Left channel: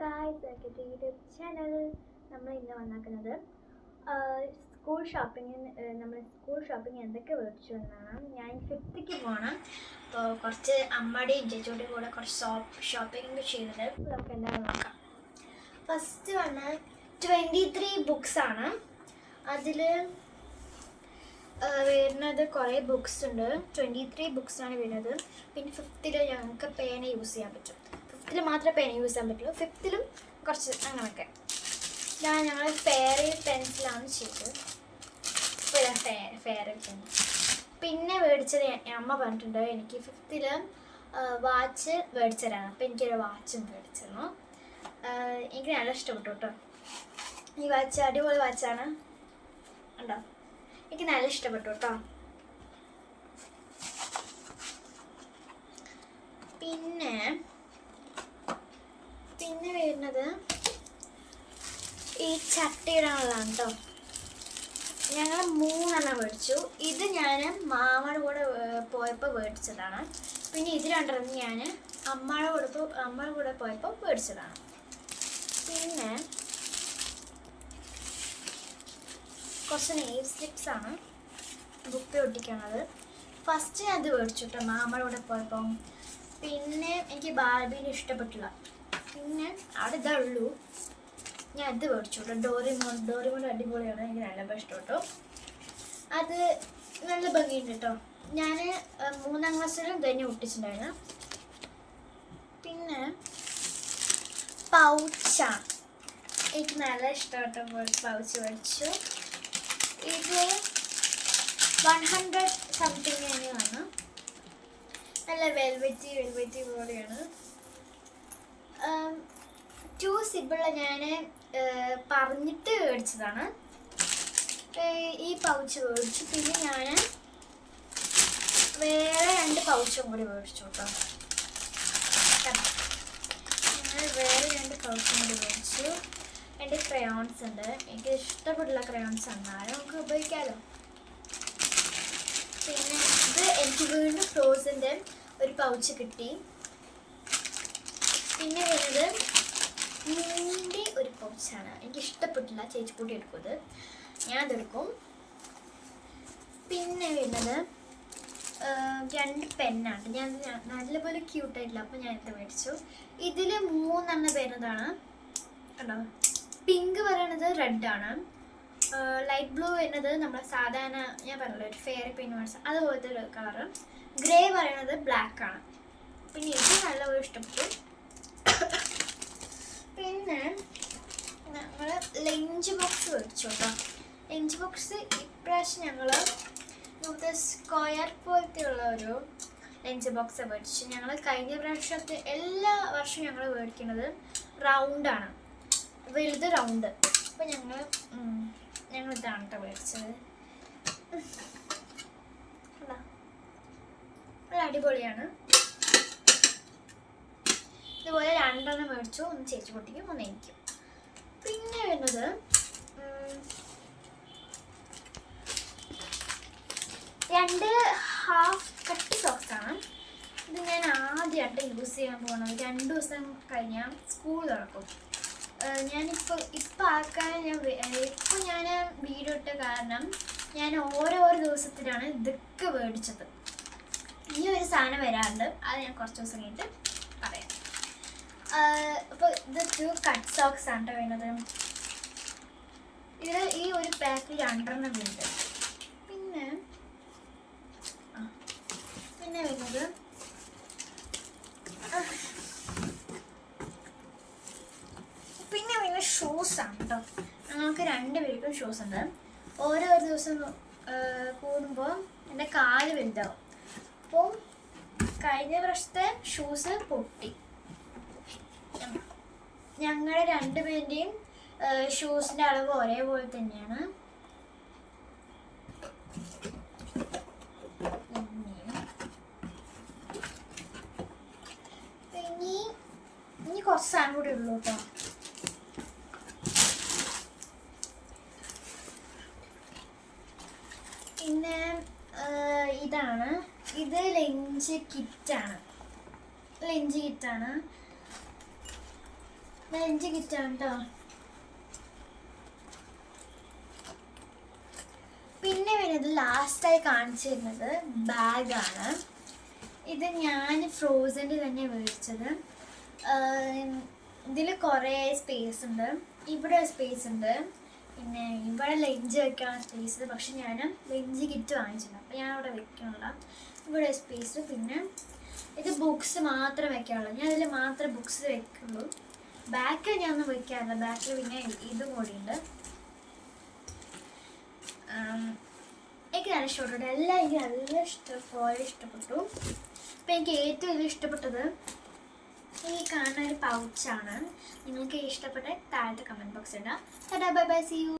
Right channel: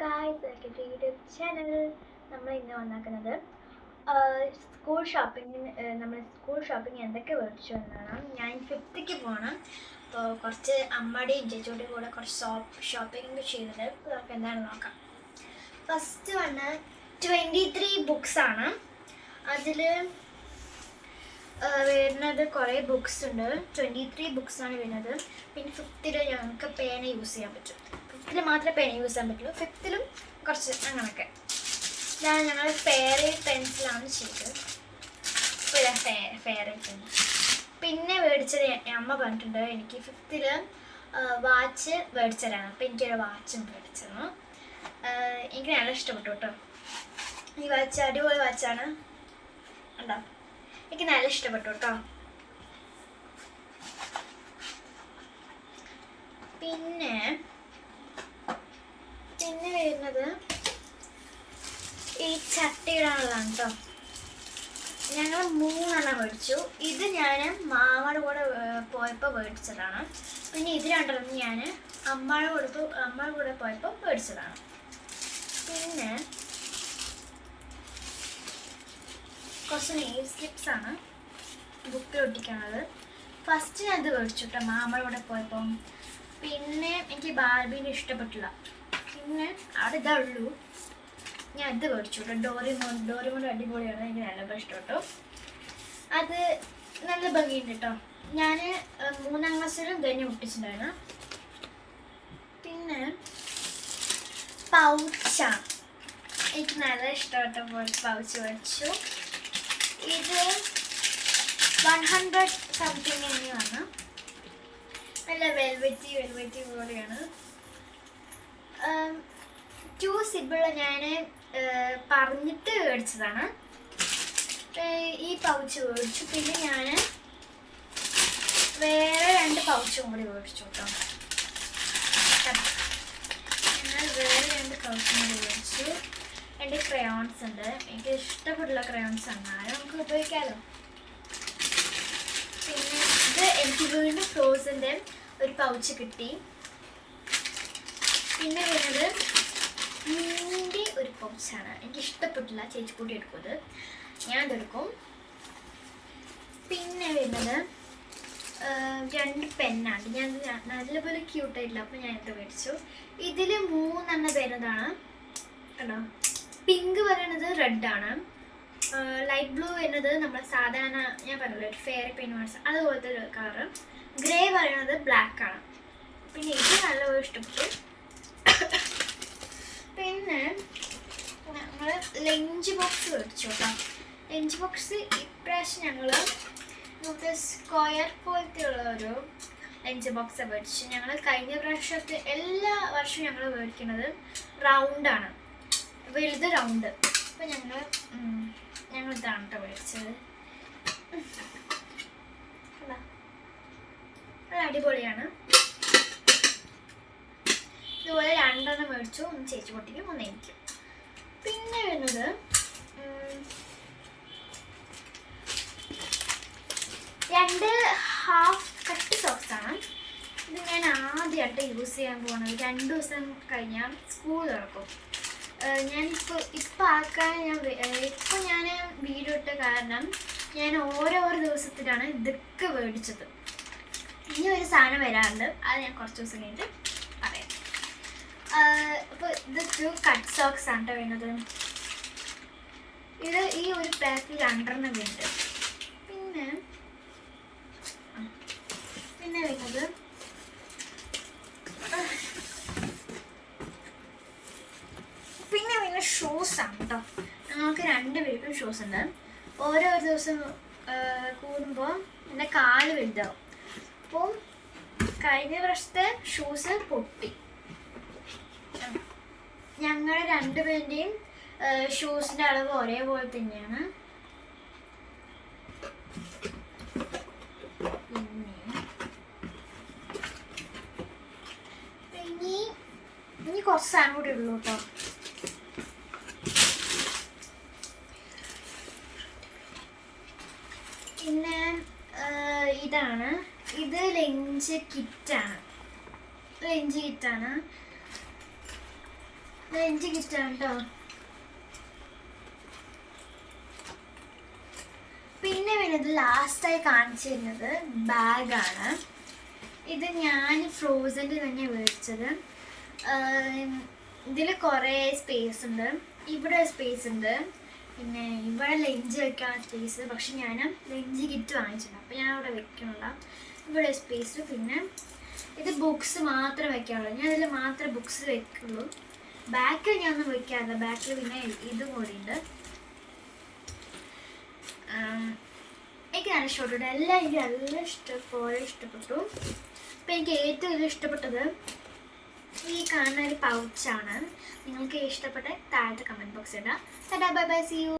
Guys, welcome to YouTube channel. നമ്മൾ ഇന്ന് വന്നിരിക്കുന്നത് സ്കൂൾ ഷോപ്പിംഗ് എന്തൊക്കെ മേടിച്ചു എന്നാണ്. ഞാൻ 5th പോകണം. അപ്പോൾ കുറച്ച് അമ്മയുടെയും ചേച്ചിയുടെയും കൂടെ കുറച്ച് ഷോപ്പിംഗ് ചെയ്തിട്ട് നമുക്ക് എന്താണെന്ന് നോക്കാം. ഫസ്റ്റ് 23 ബുക്സാണ്. അതിൽ വരുന്നത് കുറേ ബുക്സ് ഉണ്ട്. 23 ബുക്സാണ് വരുന്നത്. പിന്നെ 5th ഞങ്ങൾക്ക് പേന യൂസ് ചെയ്യാൻ പറ്റും. 5th മാത്രമേ പേന യൂസ് ചെയ്യാൻ പറ്റുള്ളൂ. 5th കുറച്ച് അങ്ങനെയൊക്കെ. ഞങ്ങൾ ഫെയറി പെൻസിലാണ് ചെയ്തത്. ഇപ്പോൾ ഞാൻ ഫെയറി പെൻസിൽ. പിന്നെ മേടിച്ചത് അമ്മ പറഞ്ഞിട്ടുണ്ട് എനിക്ക് 5th വാച്ച് മേടിച്ചു തരാണ്. അപ്പോൾ എനിക്കൊരു വാച്ചും മേടിച്ചിരുന്നു. എനിക്ക് നല്ല ഇഷ്ടപ്പെട്ടു കേട്ടോ. ഈ വാച്ച് അടിപൊളി വാച്ചാണ്. ഉണ്ടോ? എനിക്ക് നല്ല ഇഷ്ടപ്പെട്ടു കേട്ടോ. പിന്നെ വരുന്നത് ഈ ചട്ടിയിടാനുള്ളതാണ് കേട്ടോ. ഞങ്ങൾ 3 മേടിച്ചു. ഇത് ഞാൻ മാമയുടെ കൂടെ പോയപ്പോൾ മേടിച്ചതാണ്. പിന്നെ ഇത് 2 ഞാൻ അമ്മയുടെ കൂടെ പോയപ്പോൾ മേടിച്ചതാണ്. പിന്നെ കുറച്ച് നെയിൽ സ്ലിപ്സാണ് ബുക്കിൽ ഒട്ടിക്കണത്. ഫസ്റ്റ് ഞാൻ ഇത് മേടിച്ചു കേട്ടോ മാമയുടെ കൂടെ പോയപ്പോൾ. പിന്നെ എനിക്ക് ബാർബീനെ ഇഷ്ടപ്പെട്ടില്ല. പിന്നെ അവിടെ ഇതേ ഉള്ളൂ. ഞാൻ ഇത് മേടിച്ചു കേട്ടോ. ഡോറിമോൻ അടിപൊളിയാണ്. എനിക്ക് നല്ല ഇഷ്ടപ്പെട്ടു. അത് നല്ല ഭംഗിയുണ്ട് കേട്ടോ. ഞാൻ 3ാം ക്ലാസ്സിലും തന്നെ ഒട്ടിച്ചിട്ടുണ്ടായിരുന്നു. പിന്നെ പൗച്ചാണ്. എനിക്ക് നല്ല ഇഷ്ടപ്പെട്ട പൗച്ച് മേടിച്ചു. ഇത് 100 സംതിങ് തന്നെയാണ്. നല്ല വെൽവെറ്റി പോലെയാണ്. 2 സിബിള് ഞാൻ പറഞ്ഞിട്ട് മേടിച്ചതാണ്. ഈ പൗച്ച് മേടിച്ചു. പിന്നെ ഞാൻ വേറെ 2 പൗച്ചും കൂടി മേടിച്ചു കേട്ടോ. ഞാൻ വേറെ 2 പൗച്ചും കൂടി മേടിച്ചു. എൻ്റെ ക്രയോൺസ് ഉണ്ട്. എനിക്ക് ഇഷ്ടപ്പെട്ടുള്ള ക്രയോൺസ് ആണ്. നമുക്ക് ഉപയോഗിക്കാമല്ലോ. പിന്നെ ഇത് എനിക്ക് വീണ്ടും ഫ്രോസിൻ്റെ ഒരു പൗച്ച് കിട്ടി. പിന്നെ വരുന്നത് മീനിൻ്റെ ഒരു പൗച്ചാണ്. എനിക്ക് ഇഷ്ടപ്പെട്ടില്ല. ചേച്ചി കൂട്ടി എടുക്കുന്നത് ഞാൻ ഇതെടുക്കും. പിന്നെ വരുന്നത് 2 പെന്നാണ്. ഞാൻ നല്ലപോലെ ക്യൂട്ടായിട്ടില്ല. അപ്പോൾ ഞാൻ ഇത് മേടിച്ചു. ഇതിൽ 3 വരുന്നതാണ് കേട്ടോ. പിങ്ക് പറയുന്നത് റെഡാണ്. ലൈറ്റ് ബ്ലൂ വരുന്നത് നമ്മൾ സാധാരണ ഞാൻ പറഞ്ഞല്ലോ ഒരു ഫെയറി പെയിൻ മേടിച്ച അതുപോലത്തെ ഒരു കളറ്. ഗ്രേ പറയുന്നത് ബ്ലാക്ക് ആണ്. പിന്നെ ഇത് നല്ലപോലെ ഇഷ്ടപ്പെട്ടു. പിന്നെ ഞങ്ങൾ ലഞ്ച് ബോക്സ് മേടിച്ചു കേട്ടോ. ലഞ്ച് ബോക്സ് ഇപ്രാവശ്യം ഞങ്ങൾ സ്ക്വയർ പോലത്തെ ഉള്ള ഒരു ലഞ്ച് ബോക്സ് മേടിച്ചു. ഞങ്ങൾ കഴിഞ്ഞ പ്രാവശ്യത്തെ എല്ലാ വർഷവും ഞങ്ങൾ മേടിക്കുന്നത് റൗണ്ടാണ്, വലുത് റൗണ്ട്. അപ്പോൾ ഞങ്ങൾ ഇതാണ് കേട്ടോ മേടിച്ചത്. നല്ല അടിപൊളിയാണ്. ഇതുപോലെ 2 മേടിച്ചു. ഒന്ന് ചേച്ചി പൊട്ടിക്കും, ഒന്ന് എനിക്കും. പിന്നെ വരുന്നത് 2 ഹാഫ് കട്ട് സോക്സാണ്. ഇത് ഞാൻ ആദ്യമായിട്ട് യൂസ് ചെയ്യാൻ പോകുന്നത്. 2 ദിവസം കഴിഞ്ഞാൽ സ്കൂൾ തുറക്കും. ഇപ്പം ആക്കാൻ ഞാൻ വീഡിയോ ഇട്ട കാരണം ഞാൻ ഓരോ ദിവസത്തിലാണ് ഇതൊക്കെ മേടിച്ചത്. ഇനി ഒരു സാധനം വരാറുണ്ട്. അത് ഞാൻ കുറച്ച് ദിവസം കഴിഞ്ഞിട്ട് പറയാം. അപ്പോൾ ഇത് 2 കട്ട് സോക്സ് ആണ് വരുന്നത്. ഇത് ഈ ഒരു പാക്കിൽ 2 വരുന്നുണ്ട്. പിന്നെ വരുന്നത് ഷൂസാണ് കേട്ടോ. ഞങ്ങൾക്ക് 2 പേർക്കും ഷൂസ് ഉണ്ട്. ഓരോ ദിവസം കൂടുമ്പോൾ എൻ്റെ കാല് വലുതാവും. അപ്പോൾ കഴിഞ്ഞ വർഷത്തെ ഷൂസ് പൊട്ടി. ഞങ്ങളുടെ 2 പേരുടെയും ഷൂസിൻ്റെ അളവ് ഒരേപോലെ തന്നെയാണ്. ഇനി കുറച്ച് സാധനം കൂടി ഉള്ളൂ കേട്ടോ. പിന്നെ ഇതാണ്. ഇത് ലഞ്ച് കിറ്റാണ്. ലഞ്ച് കിറ്റാണ് കേട്ടോ. പിന്നെ വരുന്നത് ലാസ്റ്റായി കാണിച്ചു തരുന്നത് ബാഗാണ്. ഇത് ഞാൻ ഫ്രോസൻ്റെ തന്നെ മേടിച്ചത്. ഇതിൽ കുറേ സ്പേസ് ഉണ്ട്. ഇവിടെ സ്പേസ് ഉണ്ട്, പിന്നെ ഇവിടെ ലഞ്ച് വെക്കാനുള്ള സ്പേസ്. പക്ഷെ ഞാൻ ലഞ്ച് കിറ്റ് വാങ്ങിച്ചിട്ടുണ്ട്, അപ്പോൾ ഞാൻ അവിടെ വെക്കണില്ല. ഇവിടെ സ്പേസ്. പിന്നെ ഇത് ബുക്സ് മാത്രം വെക്കാനുള്ളൂ. ഞാൻ ഇതിൽ മാത്രമേ ബുക്സ് വെക്കുള്ളൂ. ബാക്കിൽ ഞാൻ ഒന്നും വെക്കാറില്ല. ബാക്കിൽ പിന്നെ ഇതും കൂടിയുണ്ട്. എനിക്ക് നല്ല ഇഷ്ടപ്പെട്ടു. എല്ലാം എനിക്ക് നല്ല ഇഷ്ടപ്പെട്ടു. അപ്പം എനിക്ക് ഏറ്റവും കൂടുതൽ ഇഷ്ടപ്പെട്ടത് ഈ കാണുന്ന ഒരു പൗച്ചാണ്. നിങ്ങൾക്ക് ഇഷ്ടപ്പെട്ട താഴത്തെ കമൻറ്റ് ബോക്സ് ഇടാം. Bye bye, see U.